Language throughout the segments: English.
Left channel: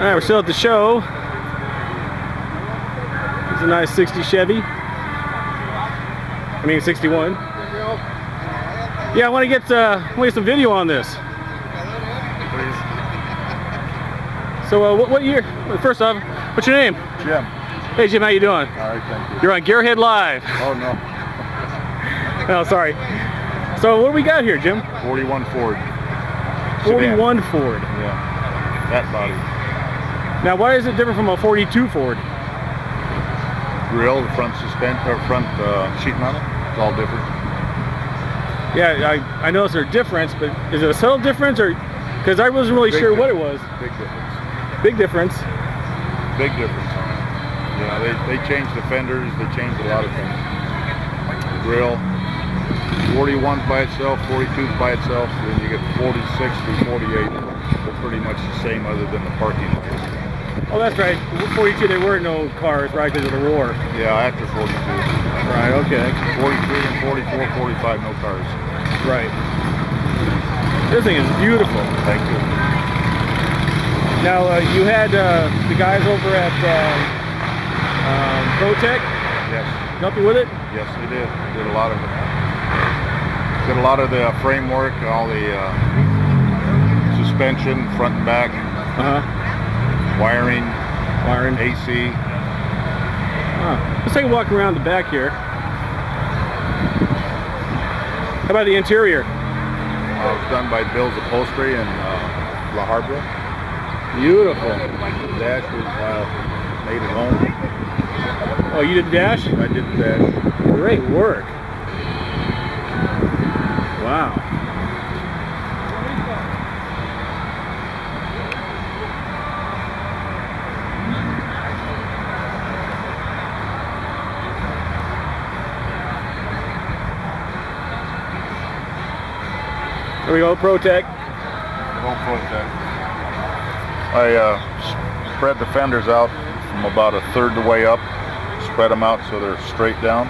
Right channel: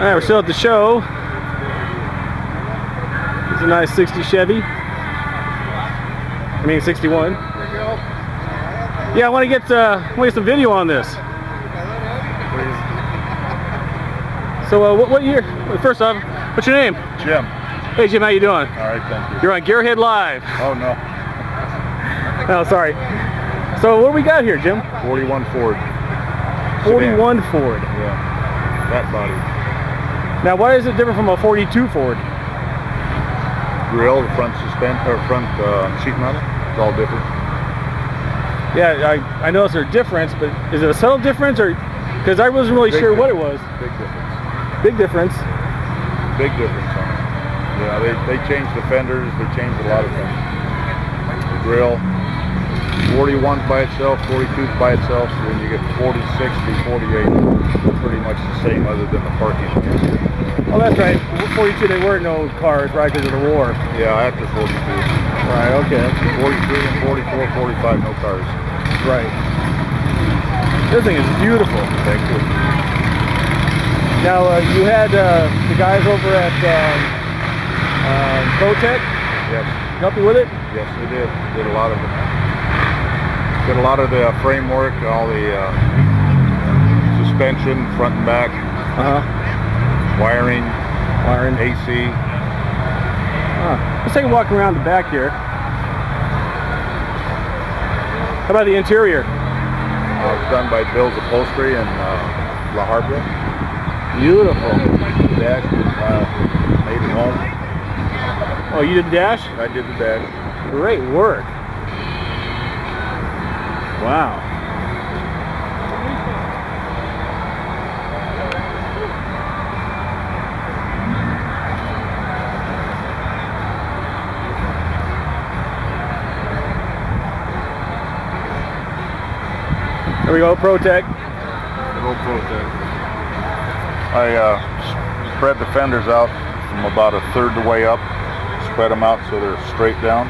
Alright, we're still at the show. It's a nice 60 Chevy. I mean 61. Yeah, I want to get some video on this. So what year? Well, first off, what's your name? Jim. Hey Jim, how you doing? All right, thank you. You're on Gearhead Live. Oh no. No, sorry. So what do we got here, Jim? 41 Ford. 41 Ford. Yeah. That body. Now, why is it different from a 42 Ford? Grill, front sheet metal. It's all different. Yeah, I know there's a difference, but is it a subtle difference, or because I wasn't really sure what it was? Big difference. Big difference. Big difference. Yeah, they changed the fenders. They changed a lot of things. The grill. 41 by itself, 42 by itself, then you get 46 through 48. They're pretty much the same other than the parking. Oh, that's right. 42, there were no cars, right, because of the war. Yeah, after 42. Right, okay. 43 and 44, 45, no cars. Right. This thing is beautiful. Thank you. Now, you had the guys over at ProTech Yes. help you with it? Yes, they did. Did a lot of it. Did a lot of the framework, all the suspension, front and back, wiring, AC. Let's take a walk around the back here. How about the interior? It's done by Bill's Upholstery in La Habra. Beautiful. The dash was made at home. Oh, you did the dash? I did the dash. Great work. Wow. There we go, ProTech. I spread the fenders out from about a third the way up. Spread them out so they're straight down.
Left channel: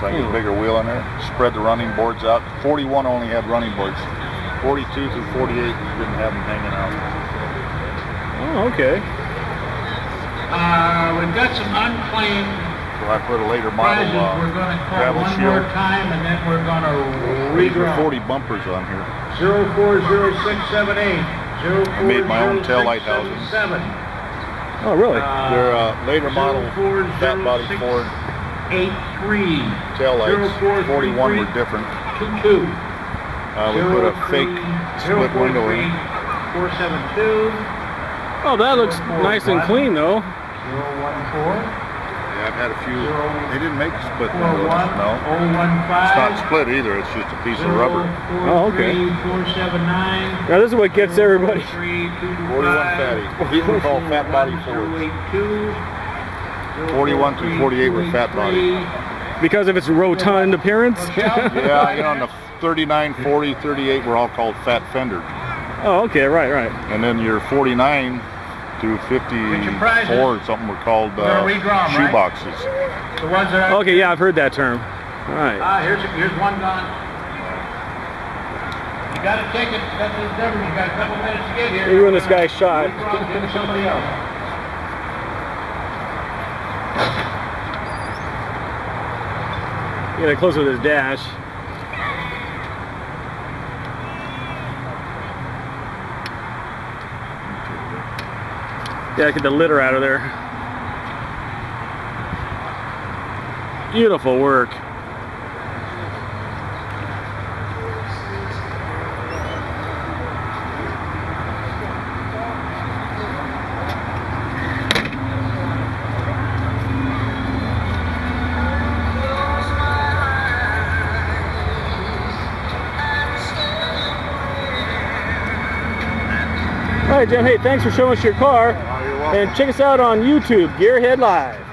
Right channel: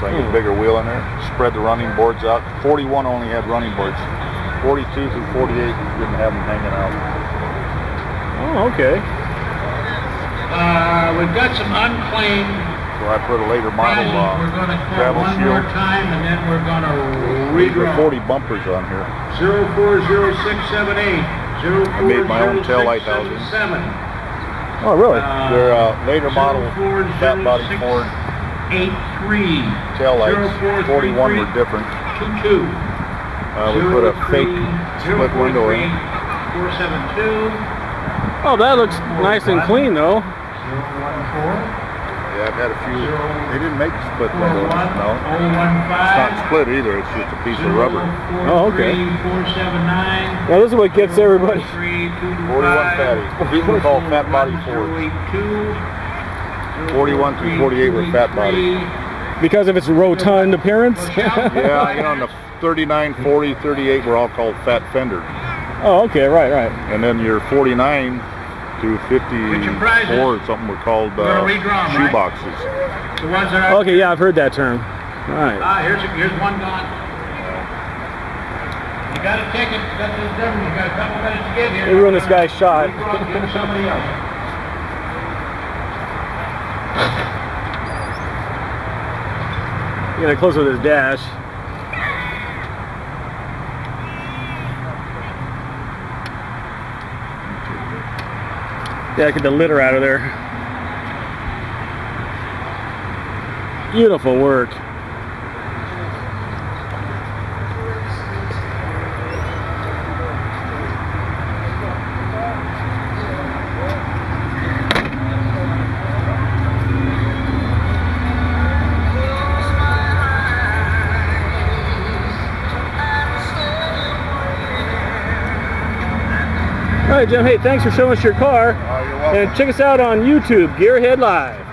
So I need a bigger wheel in there. Spread the running boards out. 41 only had running boards. 42 through 48, you didn't have them hanging out. Oh, okay. We've got some unclaimed So I put a later model prizes we're going to call travel one more seal. time, and then we're going to These are redraw. 40 bumpers on here. 040678, I made my own tail light housing. 040677. Oh, really? They're later model fat body Ford 83. tail lights. 41 were different. 22. We put a fake split window in. 472. Oh, that looks nice and clean, though. 014. Yeah, I've had a few. They didn't make split windows, no. 015. It's not split either. It's just a piece of rubber. Oh, okay. 479. Now, this is what gets everybody. 41 fatty. These were called fat body Ford. 41 through 48 were fat body. Because of its rotund appearance? Yeah, you know, on the 39, 40, 38 were all called fat fender. Oh, okay, right. And then your 49 to 54 or something were called shoe boxes. The ones that are, Okay, yeah, I've heard that term. All right. here's one gone. You got a ticket, that's the difference. You got a couple minutes to get here. They ruined this guy's shot. Give it to somebody else. You gotta close with his dash. Yeah, get the litter out of there. Beautiful work. All right, Jim, hey, thanks for showing us your car. And check us out on YouTube, Gearhead Live.